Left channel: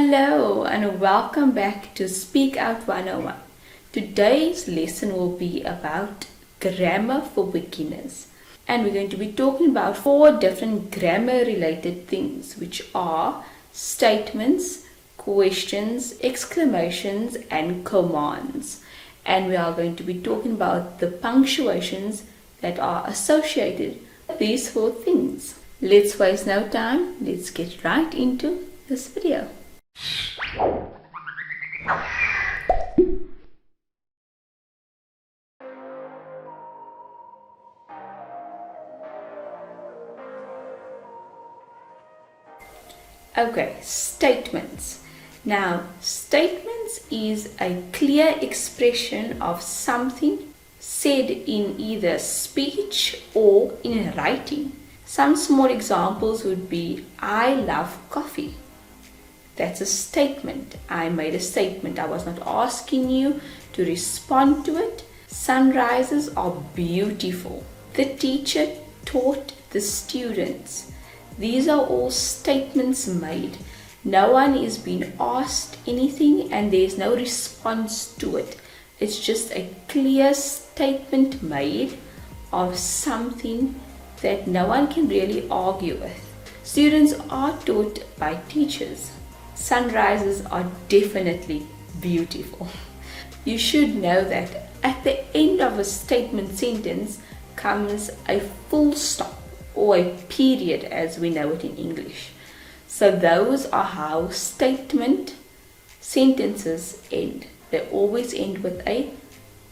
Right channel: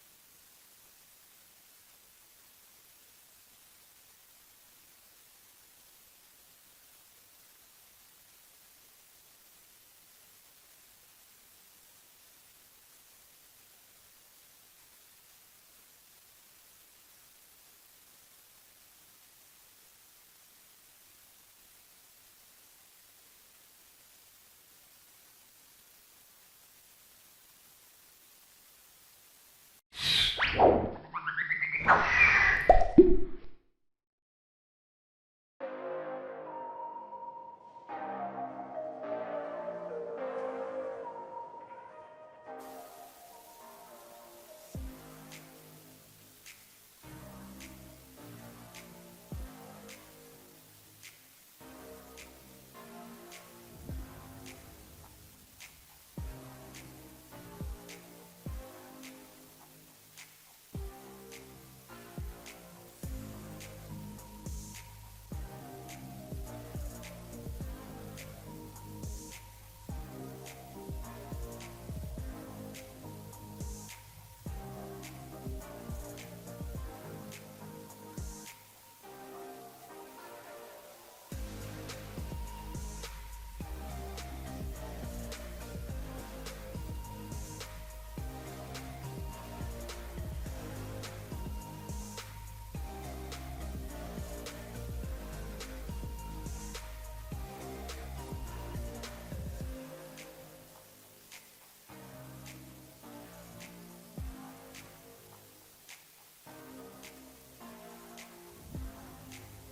Hello and welcome back to Speak Out 101. Today's lesson will be about grammar for beginners. And we're going to be talking about 4 different grammar related things, which are statements, questions, exclamations and commands. And we are going to be talking about the punctuations that are associated with these 4 things. Let's waste no time. Let's get right into this video. Okay, statements. Now, statements is a clear expression of something said in either speech or in writing. Some small examples would be, I love coffee. That's a statement. I made a statement. I was not asking you to respond to it. Sunrises are beautiful. The teacher taught the students. These are all statements made. No one is being asked anything and there's no response to it. It's just a clear statement made of something that no one can really argue with. Students are taught by teachers. Sunrises are definitely beautiful. You should know that at the end of a statement sentence comes a full stop or a period as we know it in English. So those are how statement sentences end. They always end with a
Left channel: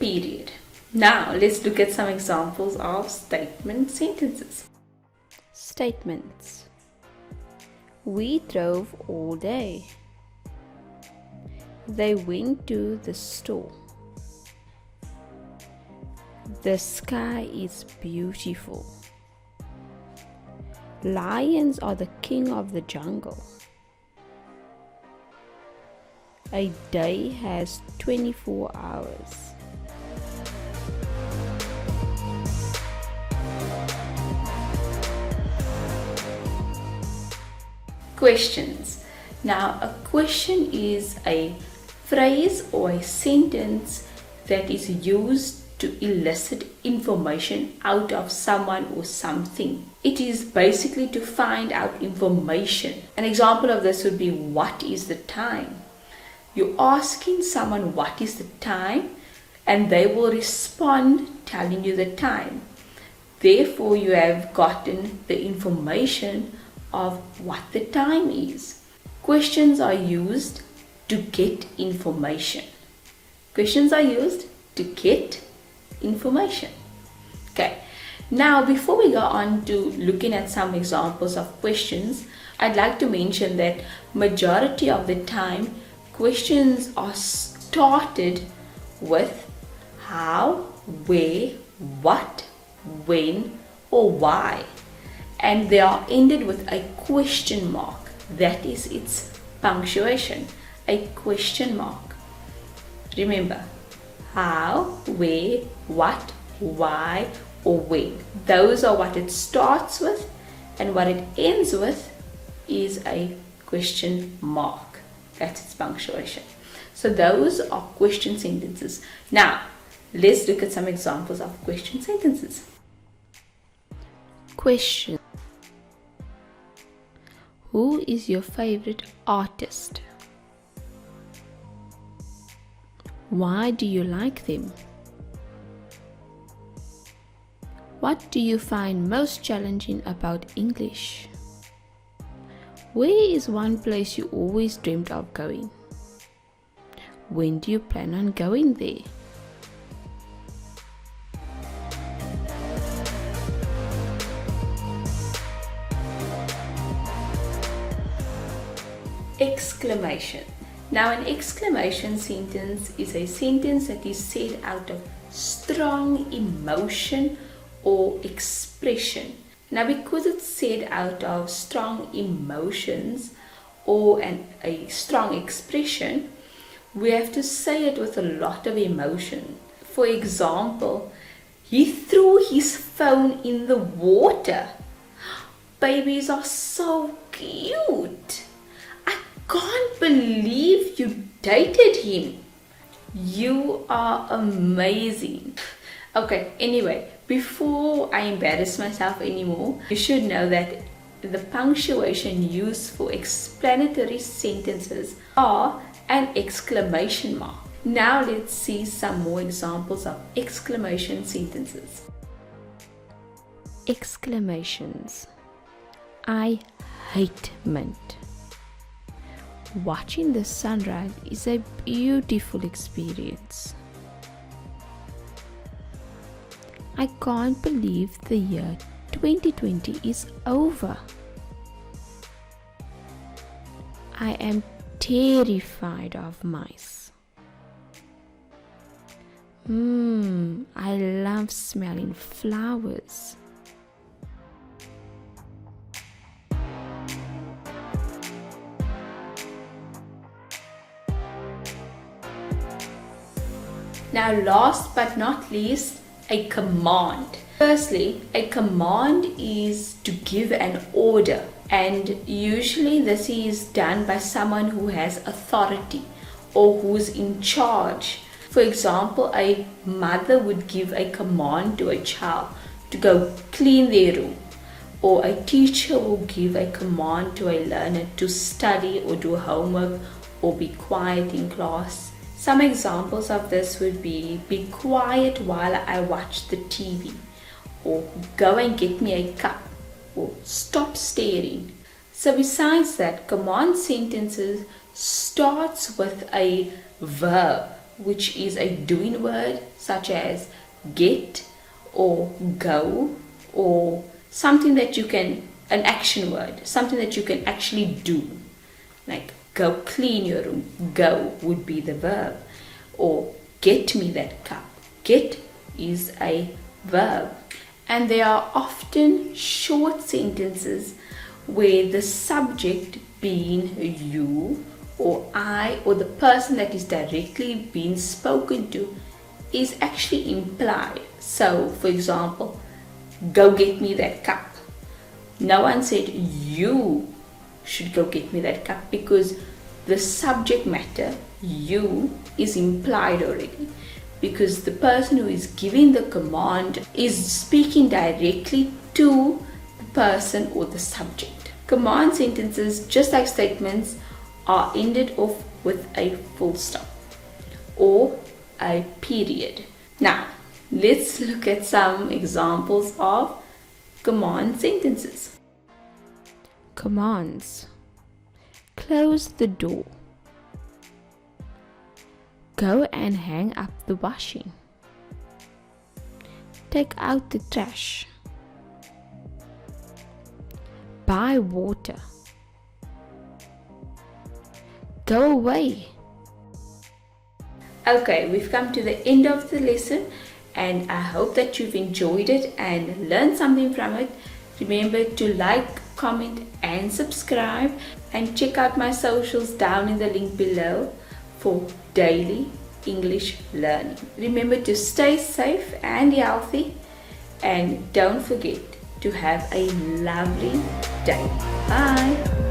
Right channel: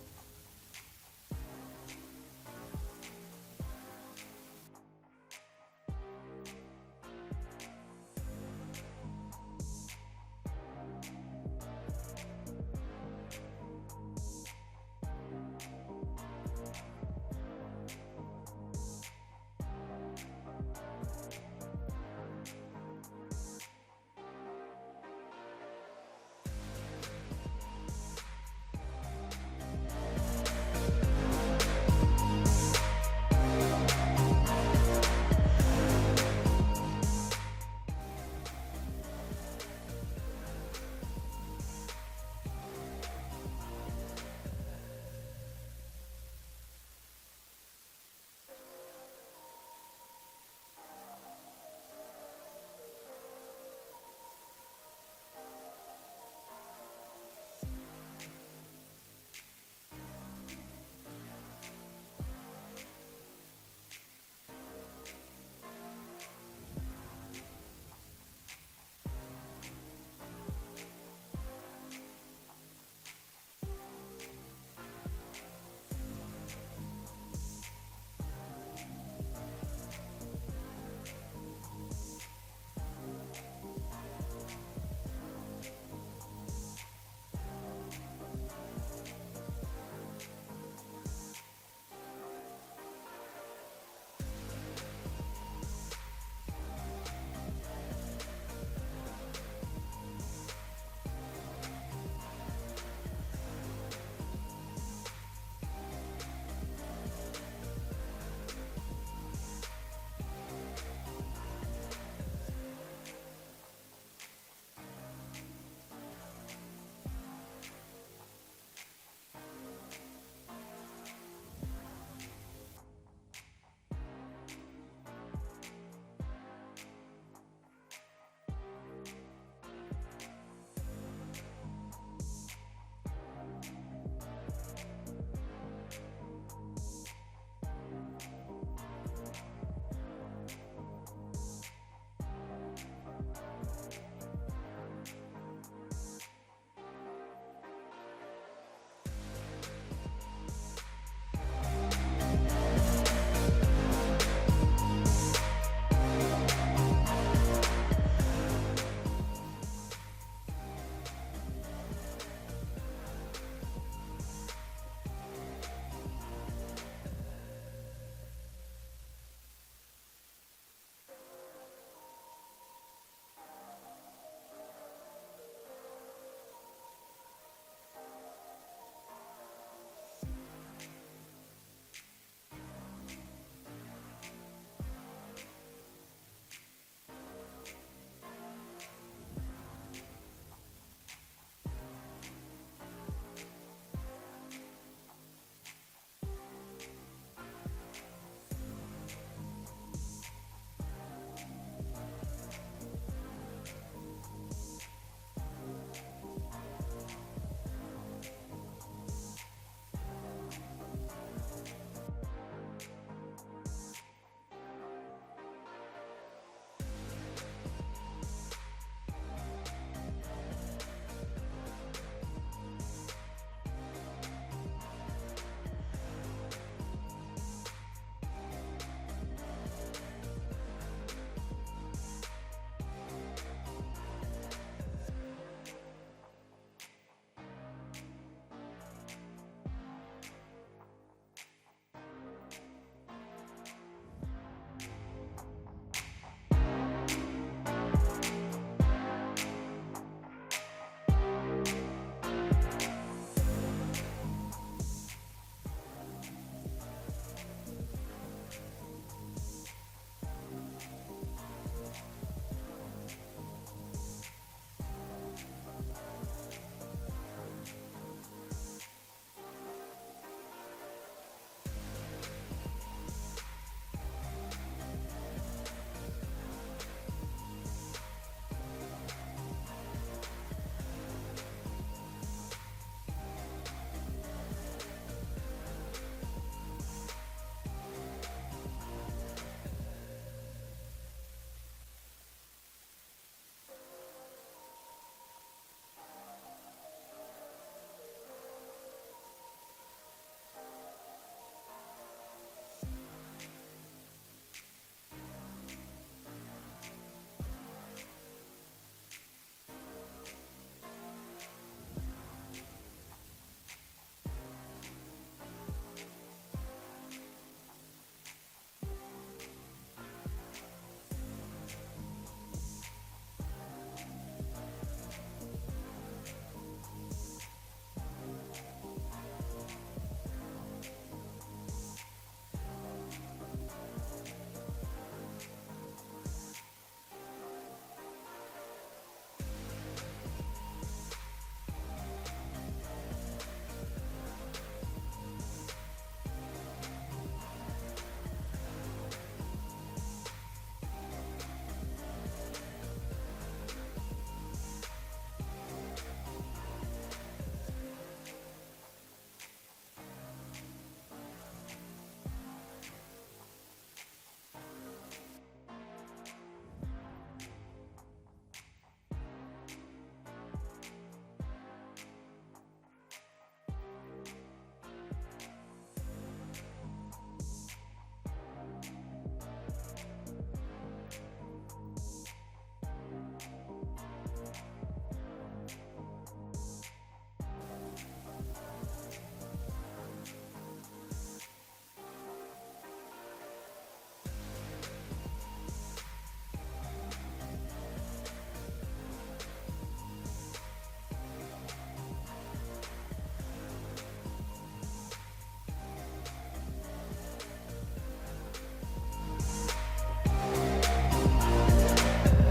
period. Now let's look at some examples of statement sentences. Statements. We drove all day. They went to the store. The sky is beautiful. Lions are the king of the jungle. A day has 24 hours. Questions. Now, a question is a phrase or a sentence that is used to elicit information out of someone or something. It is basically to find out information. An example of this would be, what is the time? You're asking someone what is the time and they will respond telling you the time. Therefore, you have gotten the information of what the time is. Questions are used to get information. Questions are used to get information. Okay, now before we go on to looking at some examples of questions, I'd like to mention that majority of the time questions are started with how, where, what, when or why, and they are ended with a question mark. That is its punctuation, a question mark. Remember, how, where, what, why or when. Those are what it starts with, and what it ends with is a question mark. That's its punctuation. So those are question sentences. Now, let's look at some examples of question sentences. Question. Who is your favorite artist? Why do you like them? What do you find most challenging about English? Where is one place you always dreamed of going? When do you plan on going there? Exclamation. Now, an exclamation sentence is a sentence that is said out of strong emotion or expression. Now, because it's said out of strong emotions or a strong expression, we have to say it with a lot of emotion. For example, he threw his phone in the water. Babies are so cute. I can't believe you dated him. You are amazing. Okay, anyway, before I embarrass myself anymore, you should know that the punctuation used for explanatory sentences are an exclamation mark. Now let's see some more examples of exclamation sentences. Exclamations. I hate mint. Watching the sunrise is a beautiful experience. I can't believe the year 2020 is over. I am terrified of mice. I love smelling flowers. Now, last but not least, a command. Firstly, a command is to give an order, and usually this is done by someone who has authority or who's in charge. For example, a mother would give a command to a child to go clean their room, or a teacher will give a command to a learner to study or do homework or be quiet in class. Some examples of this would be quiet while I watch the TV, or go and get me a cup, or stop staring. So besides that, command sentences starts with a verb, which is a doing word such as get or go, or something that you can, an action word, something that you can actually do, like go clean your room. Go would be the verb. Or get me that cup. Get is a verb. And there are often short sentences where the subject being you or I or the person that is directly being spoken to is actually implied. So, for example, go get me that cup. No one said you should go get me that cup, because the subject matter, you, is implied already, because the person who is giving the command is speaking directly to the person or the subject. Command sentences, just like statements, are ended off with a full stop or a period. Now, let's look at some examples of command sentences. Commands. Close the door. Go and hang up the washing. Take out the trash. Buy water. Go away. Okay, we've come to the end of the lesson, and I hope that you've enjoyed it and learned something from it. Remember to like, comment and subscribe, and check out my socials down in the link below for daily English learning. Remember to stay safe and healthy, and don't forget to have a lovely day. Bye.